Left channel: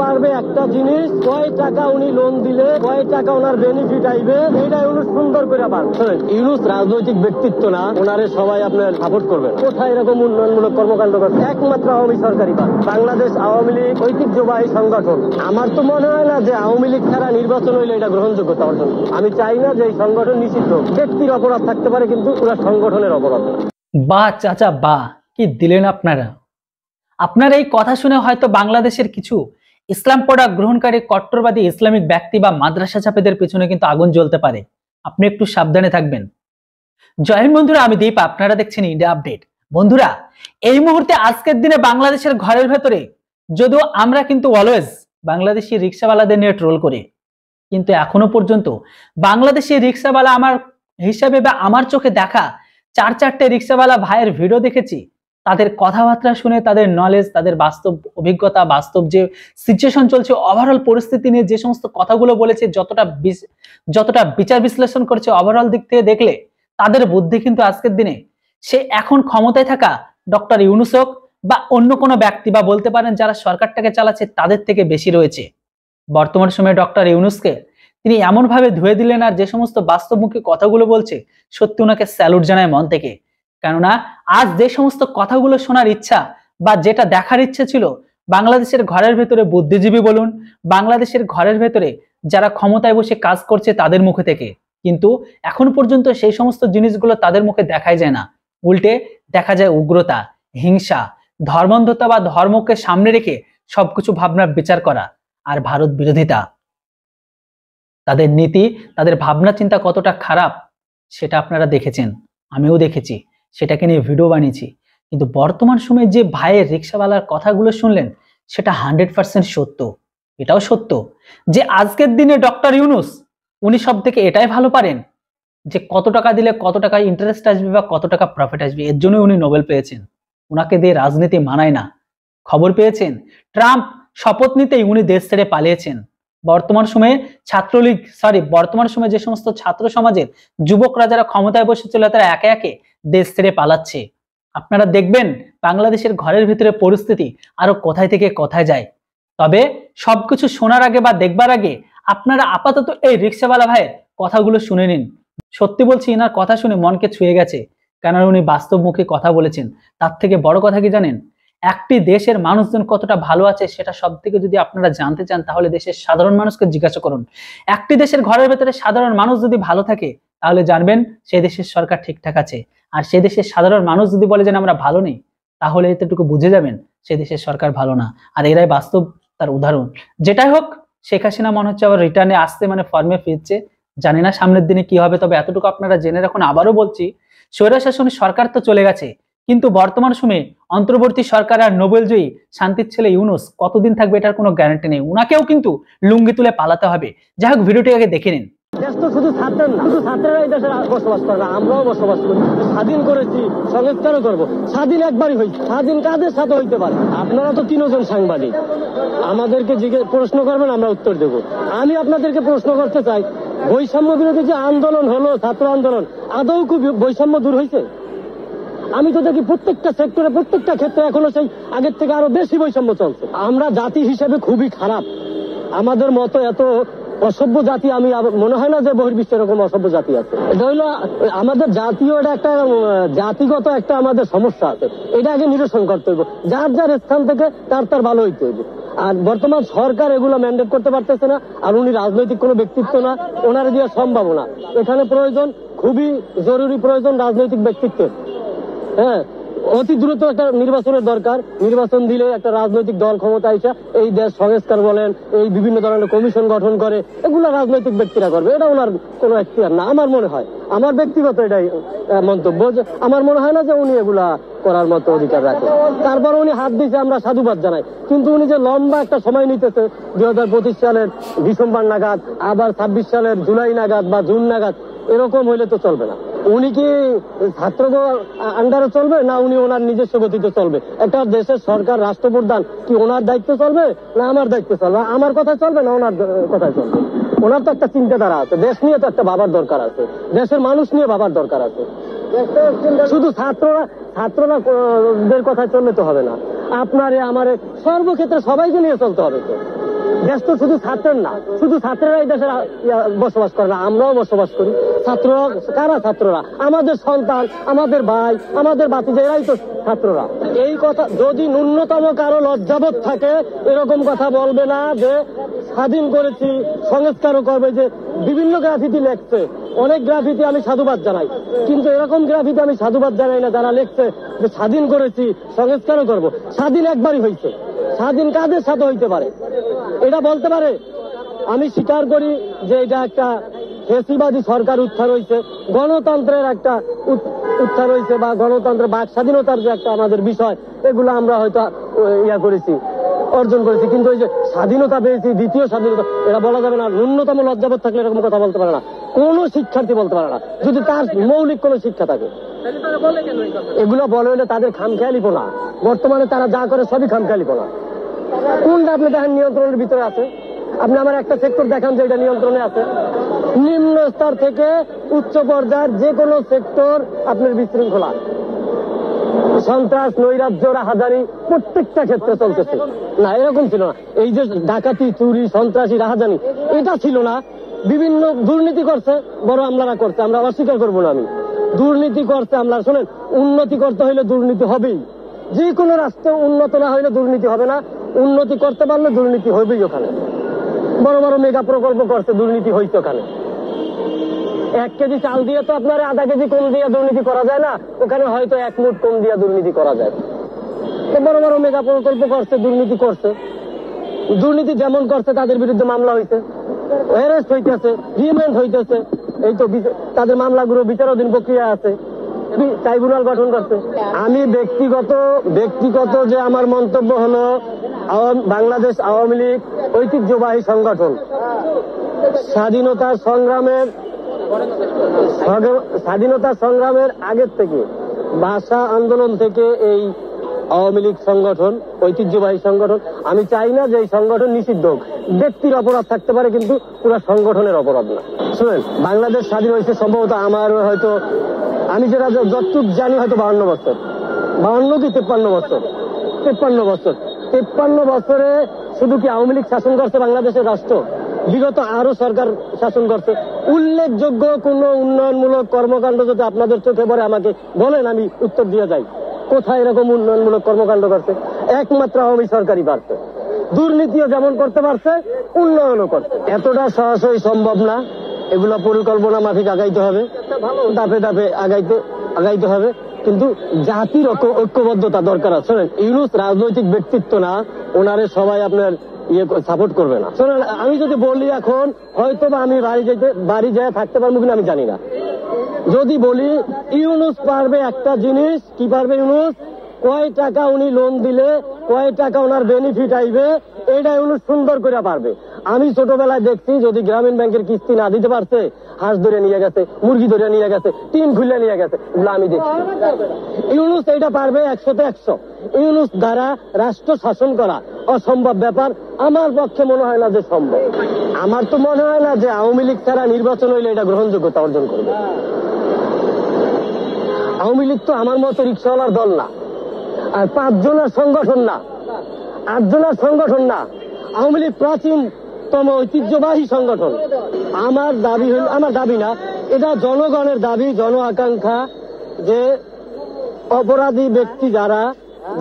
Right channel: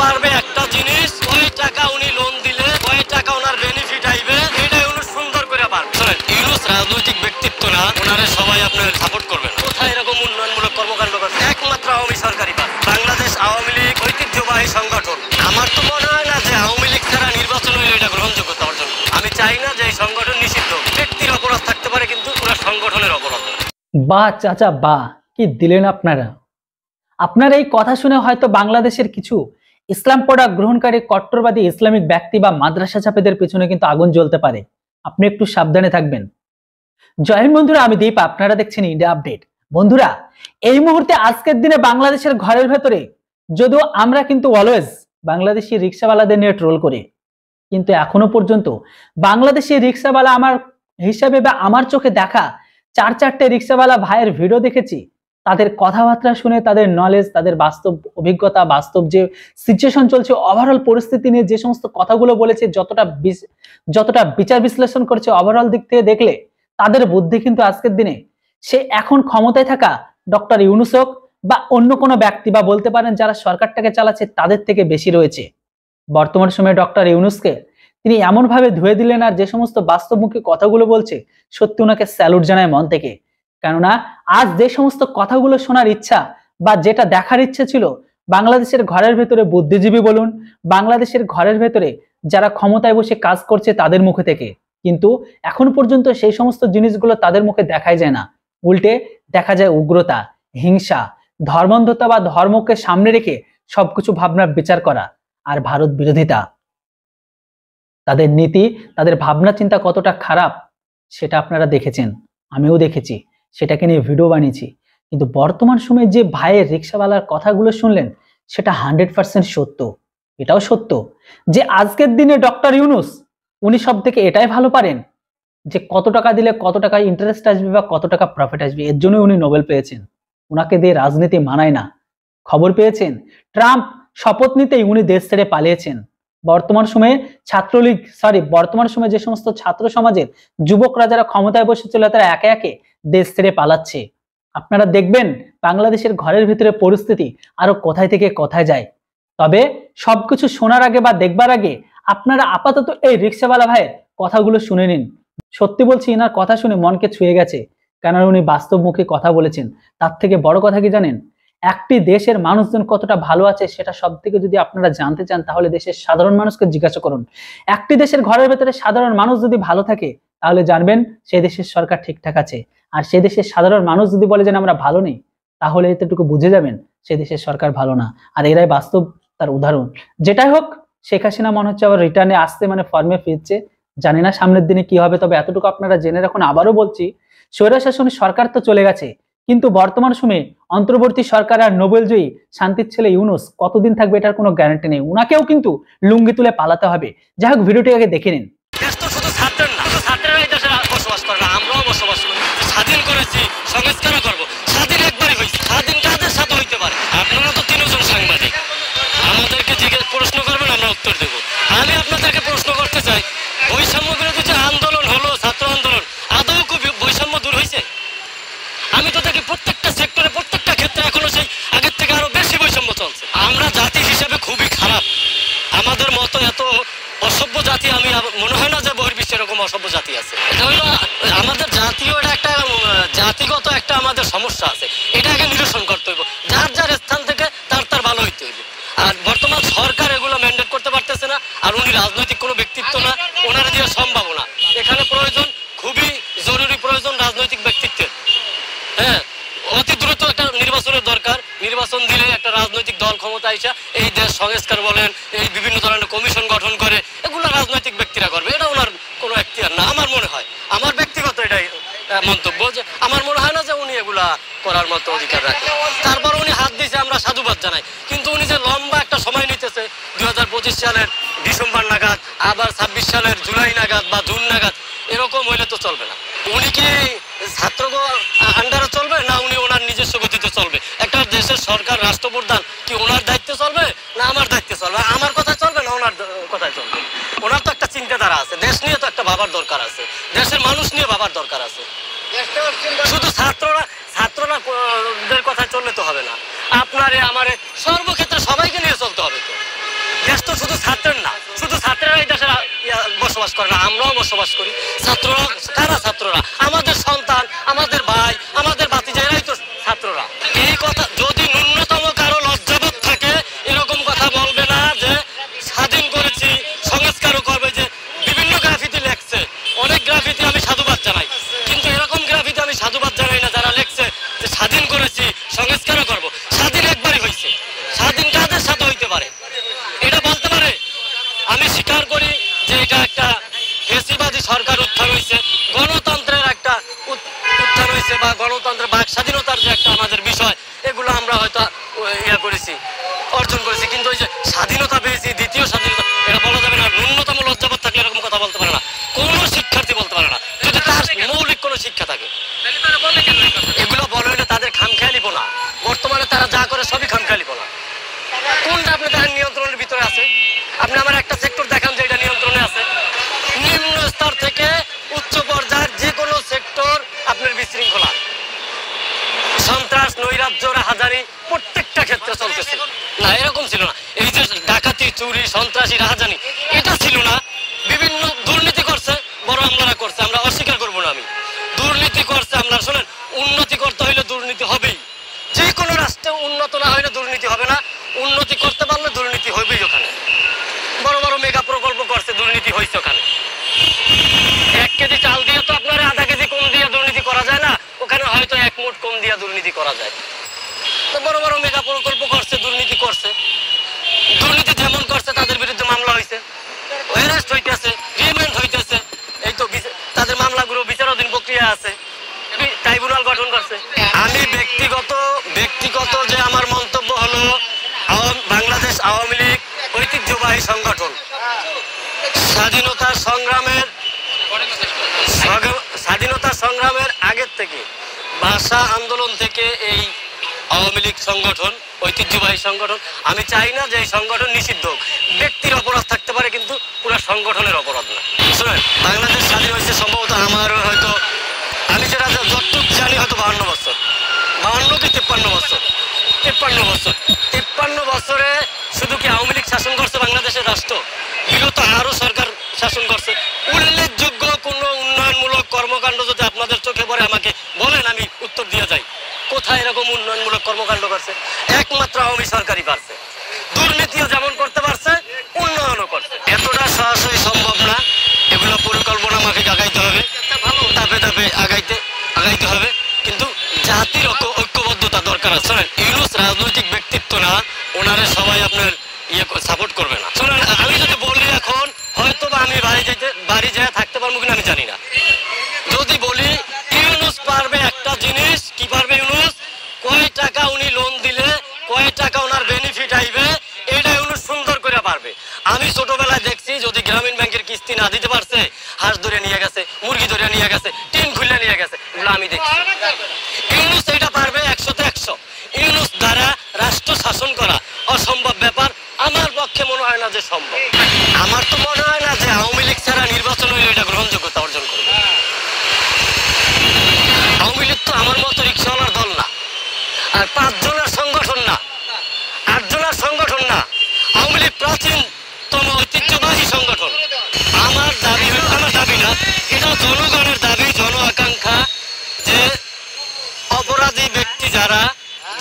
পারবে একটা জিনিস, কয় টাকা উনি লোন দিলে কয় টাকা ওনার বেনিফিট আইবে, এটাই উনি সুন্দর করে পারবে। শোনেন, ইউনূস রাজনৈতিক ব্যক্তিত্ব না, ওনারে সবাই আপনার সাপোর্ট করবে। কোথায় এরকম উন্নয়নমূলক কর্মকাণ্ড করছে? একমাত্র আওয়ামী সরকারি পারে। বাংলাদেশ আওয়ামী লীগ ঐতিহ্যবাহী সংগঠন। আমার তো মনে হয় না যে আওয়ামী লীগ ছাড়া নির্বাচন হইলে এটা গ্রহণযোগ্য তার জন্য। আমি চাই না যে এই সংগঠন নিষিদ্ধ। ব্যক্তির অপরাধ থাকতে পারে, কিন্তু পুরো সংগঠনের অপরাধ। বাহ চাচা বাহ, কি দিলেন আপনারা। আপনার এই কথা শুনে হয়তো বাংলাদেশের কিছু ইসলাম পড়া গ্রহণকারী কট্টরবাদী ইসলামিক ব্যক্তি বা মাদ্রাসা ছাপেদের পেছনে কিন্তু আগুন জ্বলতে পারে। আপনি একটু সাবধানে থাকবেন। জয় হিন্দ বন্ধুরা, আমি দীপ, আপনারা দেখছেন ইন্ডিয়া আপডেট। বন্ধুরা, এই মুহূর্তে আজকের দিনে বাংলাদেশের ঘরের ভেতরে যদিও আমরা কিন্তু অলওয়েজ বাংলাদেশি রিক্সাওয়ালাদের নিয়ে ট্রোল করি, কিন্তু এখনো পর্যন্ত বাংলাদেশি রিক্সাওয়ালা আমার হিসাবে বা আমার চোখে দেখা 4-4টে রিক্সাওয়ালা ভাইয়ের ভিডিও দেখেছি। তাদের কথাবার্তা শুনে, তাদের নলেজ, তাদের বাস্তব অভিজ্ঞতা, বাস্তব যে সিচুয়েশন চলছে, ওভারঅল পরিস্থিতি নিয়ে যে সমস্ত কথাগুলো বলেছে, যতটা বিচার বিশ্লেষণ করেছে, ওভারঅল দিক থেকে দেখলে তাদের বুদ্ধি কিন্তু আজকের দিনে সে এখন ক্ষমতায় থাকা ডক্টর ইউনূস হোক বা অন্য কোনো ব্যক্তি বা বলতে পারেন যারা সরকারটাকে চালাচ্ছে তাদের থেকে বেশি রয়েছে। বর্তমান সময়ে ডক্টর ইউনূসকে তিনি এমন ভাবে ধুয়ে দিলেন, আর যে সমস্ত বাস্তবমুখী কথাগুলো বলছে সত্যি ওনাকে স্যালুট জানায় মন থেকে। কেননা আজ যে সমস্ত কথাগুলো শোনার ইচ্ছা বা যেটা দেখার ইচ্ছা ছিল বাংলাদেশের ঘরের ভেতরে বুদ্ধিজীবী বলুন, বাংলাদেশের ঘরের ভেতরে যারা ক্ষমতায় বসে কাজ করছে তাদের মুখে থেকে, কিন্তু এখন পর্যন্ত সেই সমস্ত জিনিসগুলো তাদের মুখে দেখাই যায় না। উল্টে দেখা যায় উগ্রতা, হিংসা, ধর্মান্ধতা বা ধর্মকে সামনে রেখে সবকিছু ভাবনার বিচার করা, আর ভারত বিরোধিতা। তাদের নীতি, তাদের ভাবনা চিন্তা কতটা খারাপ সেটা আপনারা দেখেছেন, আমিও দেখেছি, সেটাকে নিয়ে ভিডিও বানিয়েছি। কিন্তু বর্তমান সময়ে যে ভাইয়ের রিক্সাওয়ালার কথাগুলো শুনলেন সেটা 100% সত্য। এটাও সত্য যে আজকের দিনে ডক্টর ইউনূস উনি সব থেকে এটাই ভালো পারেন যে কত টাকা দিলে কত টাকা ইন্টারেস্ট আসবে বা কত টাকা প্রফিট আসবে। এর জন্য উনি নোবেল পেয়েছেন। ওনাকে দিয়ে রাজনীতি মানায় না। খবর পেয়েছেন ট্রাম্প শপথ নিতেই উনি দেশ ছেড়ে পালিয়েছেন। বর্তমান সময়ে বর্তমান সময়ে যে সমস্ত ছাত্র সমাজের যুবকরা যারা ক্ষমতায় বসেছিল তারা একে একে দেশ ছেড়ে পালাচ্ছে। আপনারা দেখবেন বাংলাদেশের ঘরের ভিতরে পরিস্থিতি আরো কোথায় থেকে কোথায় যায়। তবে সবকিছু শোনার আগে বা দেখবার আগে আপনারা আপাতত এই রিক্সাওয়ালা ভাইয়ের কথাগুলো শুনে নিন। সত্যি বলছি, এনার কথা শুনে মনকে ছুঁয়ে গেছে, কেননা উনি বাস্তবমুখী কথা বলেছেন। তার থেকে বড় কথা কি জানেন, একটি দেশের মানুষজন কতটা ভালো আছে সেটা সব থেকে যদি আপনারা জানতে চান তাহলে দেশের সাধারণ মানুষকে জিজ্ঞাসা করুন। একটি দেশের ঘরের ভেতরে সাধারণ মানুষ যদি ভালো থাকে তাহলে জানবেন সেই দেশের সরকার ঠিকঠাক আছে। আর সেই দেশের সাধারণ মানুষ যদি বলে যে আমরা ভালো নেই, তাহলে এতটুকু বুঝে যাবেন সেই দেশের সরকার ভালো না। আর এরাই বাস্তব তার উদাহরণ। যেটাই হোক, শেখ হাসিনা মনে হচ্ছে আবার রিটার্নে আসতে ফর্মে ফিরছে। জানি না সামনের দিনে কি হবে, তবে এতটুকু আপনারা জেনে রাখুন। আবারও বলছি, স্বৈরশাসনী সরকার তো চলে গেছে, কিন্তু বর্তমান সময়ে অন্তর্বর্তী সরকার আর নোবেলজয়ী শান্তির ছেলে ইউনূস কতদিন থাকবে এটার কোনো গ্যারান্টি নেই। উনাকেও কিন্তু লুঙ্গি তুলে পালাতে হবে। যাই হোক, ভিডিওটি আগে দেখে নিন। শুধু ছাত্রের না, শুধু ছাত্রেরাই দেশে বসবাস করে না, আমরাও বসবাস করি। স্বাধীন করেছি, সংস্কারও করবো। স্বাধীন একবারই হয়েছে, স্বাধীন কাদের সাথে হইতে পারে? আপনারা তো 3 জন সাংবাদিক, আমাদেরকে প্রশ্ন করবেন, আমরা উত্তর দেব। আমি আপনাদেরকে প্রশ্ন করতে চাই, বৈষম্য বিরোধী যে আন্দোলন হলো, ছাত্র আন্দোলন, আদৌ কি বৈষম্য দূর হয়েছে? আমি তো দেখি প্রত্যেকটা সেক্টরে, প্রত্যেকটা ক্ষেত্রে এখনো সেই আগের থেকে আরো বেশি বৈষম্য চলছে। আমরা জাতি হিসেবে খুবই খারাপ। আমাদের মতো এত অসভ্য জাতি আমি মনে হয় না যে বহির্বিশ্বে এরকম অসভ্য জাতি আছে। এটা হলো আমাদের জাতীয়, এটা একটা জাতিগত একটা আমাদের সমস্যা আছে। এটা আগে নিরসন করতে হইব। যার যার স্থান থেকে তার ভালো হইতে হইব। আর বর্তমান সরকার এগুলো ম্যান্ডেট করতে পারতেছে না। আর উনি রাজনৈতিক কোনো ব্যক্তিত্ব না, ওনার দিয়ে সম্ভব না। এখানে প্রয়োজন, খুবই জরুরি প্রয়োজন রাজনৈতিক ব্যক্তিত্বের। হ্যাঁ, অতি দ্রুত একটা নির্বাচনের দরকার। নির্বাচন দিলে একটা রাজনৈতিক দল ক্ষমতা এসে এই দেশ সংস্কার বলেন, এই বিভিন্ন ধরনের কমিশন গঠন করে, এগুলো রাজনৈতিক ব্যক্তিরা করবে। এটা ওনার কোনো এখতিয়ার না আমার মনে হয়। আমার ব্যক্তিগত এটাই মন্তব্য, যে আমার মনে হয় না যে উনি এগুলা করার মতো অধিকার রাখেন। তারপর উনি হাত দিয়েছে, আমরা সাধুবাদ জানাই। কিন্তু উনি যে লম্বা একটা সময় নিতেছে, 2025 সালের ডিসেম্বর নাগাদ, আবার 26 সালের জুলাই নাগাদ বা জুন নাগাদ, এরকম হইলে তো চলবে না। উনি কি ছাত্র আন্ডারে চলবে, না উনি ওনার নিজস্ব গতিতে চলবে? একটা দেশের সরকার, রাষ্ট্রপ্রধান কি ওনার দায়িত্বে চলবে না আমার দায়িত্বে চলবে? আমার কথায় চলবে না ওনার কথায় চলবে? ওনার তো একটা চিন্তাধারা আছে, দেশ নিয়ে তো একটা ভাবার দরকার আছে, দেশের মানুষ নিয়ে ভাবার দরকার আছে। শুধু ছাত্রদের কথায় চললে তো হবে না। আপনারে আমারে সর্বক্ষেত্রে সবাইকে নিয়ে চলতে হবে। তো দেশ তো শুধু ছাত্রের না, শুধু ছাত্রেরাই দেশে বসবাস করে না, আমরাও বসবাস করি। ছাত্ররা কারা? ছাত্ররা আমাদের সন্তান, আমাদের ভাই, আমাদের ভাতিজা, এরাই তো ছাত্ররা। এই কথা যদি ন্যূনতম কারো লজ্জাবোধ থাকে, এরকম কথা বলবে না যে স্বাধীন করেছি, সংস্কারও করবে। যে বিভিন্ন গ্রাফিতি লেখছে, অনেক গ্রাফিতি আমি সাধুবাদ জানাই, কিন্তু এরকম গ্রাফিতি আমি সাধুবাদ জানাই না যারা লেখছে যে স্বাধীন করেছি, সংস্কারও করব। স্বাধীন একবারই হয়েছে, স্বাধীন কাদের সাথে হইতে পারে এটা বলতে পারে? আমি স্বীকার করি যে এটা একটা ফ্যাসিবাদী সরকার উত্থান হয়েছে, গণতন্ত্রের একটা উত্থান হয়েছে, বা গণতন্ত্রের বাক স্বাধীনতার যে একটা আমাদের বিষয়, এগুলো আমরা হয়তো করেছি, অর্জন করেছি। কিন্তু ওই যে স্বাধীনতা পেয়েছি, দ্বিতীয় স্বাধীনতা, এটা বলা যাবে না। ন্যূনতম লজ্জাবোধ থাকলে এরকম কথা বলতে পারে না, কোনো শিক্ষার্থী বলতে পারে না, যদি তার মৌলিক কোনো শিক্ষা থাকে। এগুলো বলে না তাদের খামখেয়ালিপনা। বর্তমানে তারা যা করে সবই খামখেয়ালিপনা। কোনটা আপনি দেখেন নিয়ন্ত্রণের ভিতরে আছে? আপনি আমার একটা সেক্টর দেখান যে এটা নিয়ন্ত্রণে আছে। নিম্ন স্তর থেকে উচ্চ পর্যায়ের যে কোনো সেক্টর আপনার বিশৃঙ্খলা, সন্ত্রাস, নৈরাজ্য, রাহাজানি প্রত্যেকটা ক্ষেত্রে চলতেছে। না, এরকম ছিল না। এই যে ডাকাতি, চুরি, সন্ত্রাসী, রাহাজানি, এটা ছিল না। বিভিন্ন দুর্নীতি করছে, বড় আমলারা করছে, আমরা অস্বীকার করবো না। আমি দুর্নীতি করছে আমলারা। শোনেন, উন্নতি করতে হইলে দুর্নীতি হবেই। যে কোনো রাষ্ট্রে উন্নত না হইলে দুর্নীতি হবে না, উন্নতি করতে পারলে দুর্নীতি হবেই। ওখানে বড় বড় মেগা প্রকল্প করছে, দুর্নীতি হয়েছে ওখানে। 1 কেজি চাল দিয়ে তো আপনার আধা কেজি কম দিয়ে দুর্নীতি করা যায় না, ওখানে হয়তো 1 মুঠ কম দিয়ে দুর্নীতি করা যায়। তো বড় বড় মেগা প্রকল্প করছে, দুর্নীতি করছে। দুর্নীতি যেমন করছে তাদের বিরুদ্ধে মামলা হয়েছে, অ্যারেস্ট হইতেছে, রিমান্ড হইতেছে। এই তো তাদের মামলাগুলো বিচারাধীন প্রক্রিয়া আছে, ট্রাইব্যুনাল গঠন করছে। আমি ব্যক্তিগত যে আমার মন্তব্য হলো, বাংলাদেশ আওয়ামী লীগ ঐতিহ্যবাহী সংগঠন, স্বাধীনতা সংগ্রামের আগের থেকে, ভাষা আন্দোলন থেকে এই আওয়ামী লীগ সংগঠন ঐতিহ্যবাহী সংগঠন। আমি চাই না যে এই সংগঠন নিষিদ্ধ হোক। ব্যক্তির অপরাধ থাকতে পারে, কিন্তু পুরো সংগঠনের অপরাধ না। শুনেন, বাংলাদেশ স্বাধীন হয়েছে সম্ভবত আমার হয়তো, আমি যেটা যতটুক জানি, হয়তো 52 বছর, 52 কি 53 বছর, 53 বছরে শুধু কি আওয়ামী লীগ শাসন করছে বাংলাদেশের রাষ্ট্র? বিগত আরো সরকার শাসন করছে। উল্লেখযোগ্য কোন উন্নয়নমূলক কর্মকাণ্ড যদি আপনাদের চোখে পড়ে আমাকে বলেন, আমি উত্তর দিয়ে যাই। কোথায় এরকম উন্নয়নমূলক কর্মকাণ্ড করছে? একমাত্র আওয়ামী সরকারই পারছে। দুর্নীতিও যেমন করতে পারছে, উন্নয়নও করছে। এতটা সরাসরি সম্ভব না, এগুলো পরিকল্পনা মাফিক আগাইতে হবে, ধাপে ধাপে আগাইতে হবে। কিন্তু জাতির ঐক্যবদ্ধতা দরকার আছে। ইউনূস রাজনৈতিক ব্যক্তিত্ব না, ওনারে সবাই আপনার সাপোর্ট করবে না। শোনেন, আমি যদি বলি এখন, হয়তো বা আমি বাড়ি যেয়ে থাকতে পারবো কিনা আমি জানি না। যদি বলি ইউনূস পারবে একটা জিনিস, কি পারবে ইউনূস? কয় টাকা উনি লোন দিলে কয় টাকা ওনার বেনিফিট আইবে, এটা ইউনূস সুন্দর করে পারবে। আমি ছোটবেলায় দেখছি, যদি গ্রামীণ ব্যাংকের কিস্তি না দিতে পারছে, হাঁস ধরে নিয়ে গেছে, মুরগি ধরে নিয়ে গেছে, টিন খুলে নিয়ে গেছে, এগুলো আমি দেখছি। ইউনূস এটা পারবে 100-তে 100। ইউনূস দ্বারা রাষ্ট্র শাসন করা অসম্ভব ব্যাপার আমার পক্ষে মনে হয় না যে সম্ভব। আমার তো মনে হয় না যে আওয়ামী লীগ ছাড়া নির্বাচন হইলে এটা গ্রহণযোগ্যতা অর্জন করবে। আওয়ামী লীগ তো আমার মতো রিক্সাওয়ালার দল না, আর 5 জনের সংগঠন না, 8 জনের সংগঠন না। আওয়ামী লীগ প্রাচীনতম ঐতিহ্যবাহী সংগঠন। আমার দাবি না, এটা জনগণের দাবি, জন আকাঙ্ক্ষা, যে অপরাধী ব্যক্তি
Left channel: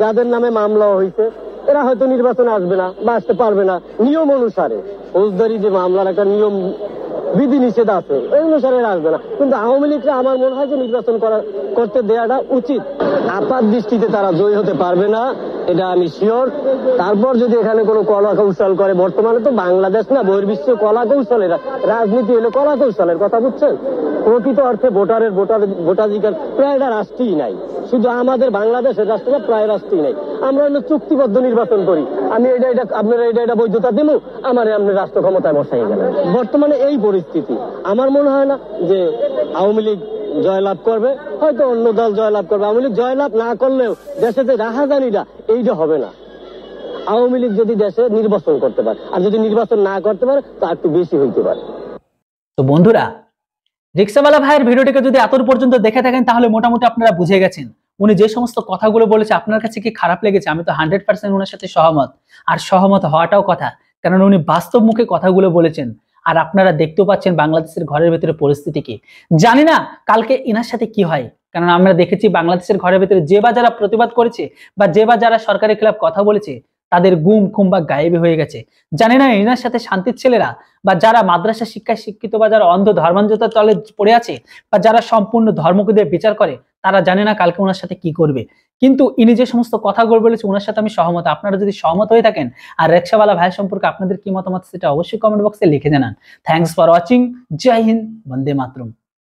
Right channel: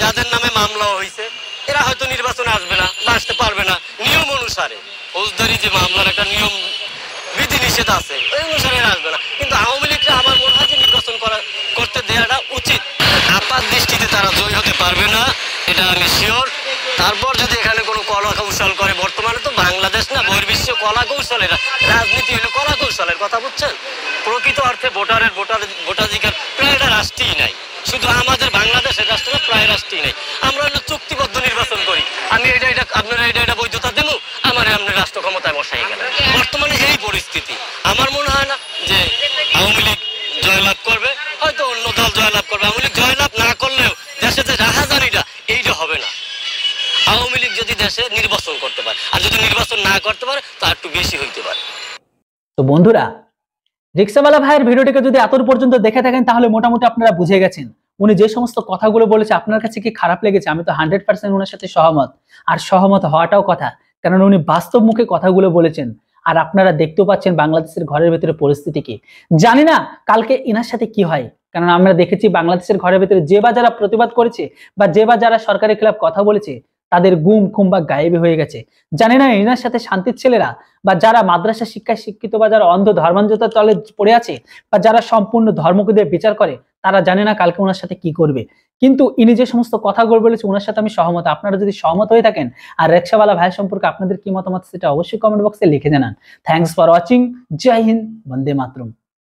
যাদের নামে মামলা হয়েছে, এরা হয়তো নির্বাচনে আসবে না বা আসতে পারবে না নিয়ম অনুসারে। ফৌজদারি যে মামলার একটা নিয়ম বিধি নিষেধ আছে, ওই অনুসারে আসবে না। কিন্তু আওয়ামী লীগরা আমার মনে হয় যে নির্বাচন করতে দেওয়াটা উচিত। আপাত দৃষ্টিতে তারা জয়ী হতে পারবে না, এটা আমি শিওর। তারপর যদি এখানে কোনো কলা কৌশল করে, বর্তমানে তো বাংলাদেশ না, বহির্বিশ্ব কলা কৌশলের রাজনীতি হলো, কলা কৌশলের কথা বুঝছেন। প্রকৃত অর্থে ভোটাধিকার প্রায় রাষ্ট্রই নাই, শুধু আমাদের বাংলাদেশের রাষ্ট্রটা প্রায় রাষ্ট্রই নাই। আমরা হলো চুক্তিবদ্ধ নির্বাচন করি, আমি আপনারা এটা বৈধতা দেবো, আমার আপনার রাষ্ট্র ক্ষমতায় বসাই গেল। বর্তমানে এই পরিস্থিতি, আমার মনে হয় না যে আওয়ামী লীগ জয়লাভ করবে, হয়তো অন্য দল জয়লাভ করবে। আওয়ামী লীগ জয়লাভ না করলেও দেশে যে রাহাজানিটা, এইটা হবে না। আওয়ামী লীগ যদি দেশে নির্বাচন করতে পারে, আর যদি নির্বাচন না করতে পারে, তা একটু বেশি হইতে পারে। তো বন্ধুরা, রিক্সাওয়ালা ভাইয়ের ভিডিওটিকে যদি এত পর্যন্ত দেখে থাকেন, তাহলে মোটামুটি আপনারা বুঝে গেছেন উনি যে সমস্ত কথাগুলো বলেছে আপনার কাছে কি খারাপ লেগেছে। আমি তো 100% ওনার সাথে সহমত, আর সহমত হওয়াটাও কথা। কারণ উনি বাস্তব মুখে কথাগুলো বলেছেন। আর আপনারা দেখতেও পাচ্ছেন বাংলাদেশের ঘরের ভেতরে পরিস্থিতি কি। জানি না কালকে এনার সাথে কি হয়, কারণ আমরা দেখেছি বাংলাদেশের ঘরের ভেতরে যে বা যারা প্রতিবাদ করেছে বা যে বা যারা সরকারের খেলাফ কথা বলেছে তাদের গুম খুম বা গায়েবী হয়ে গেছে। জানি না এনার সাথে শান্তির ছেলেরা বা যারা মাদ্রাসা শিক্ষায় শিক্ষিত বা যারা অন্ধ ধর্মান্ধতার তলে পড়ে আছে বা যারা সম্পূর্ণ ধর্মকে দিয়ে বিচার করে, তারা জানে না কালকে ওনার সাথে কি করবে। কিন্তু ইনি যে সমস্ত কথাগুলো বলেছে ওনার সাথে আমি সহমত। আপনারা যদি সহমত হয়ে থাকেন আর রিকশাওয়ালা ভাই সম্পর্কে আপনাদের কি মতামত সেটা অবশ্যই কমেন্ট বক্সে লিখে জানান। Thanks for watching. জয় হিন্দ, বন্দে মাতরম।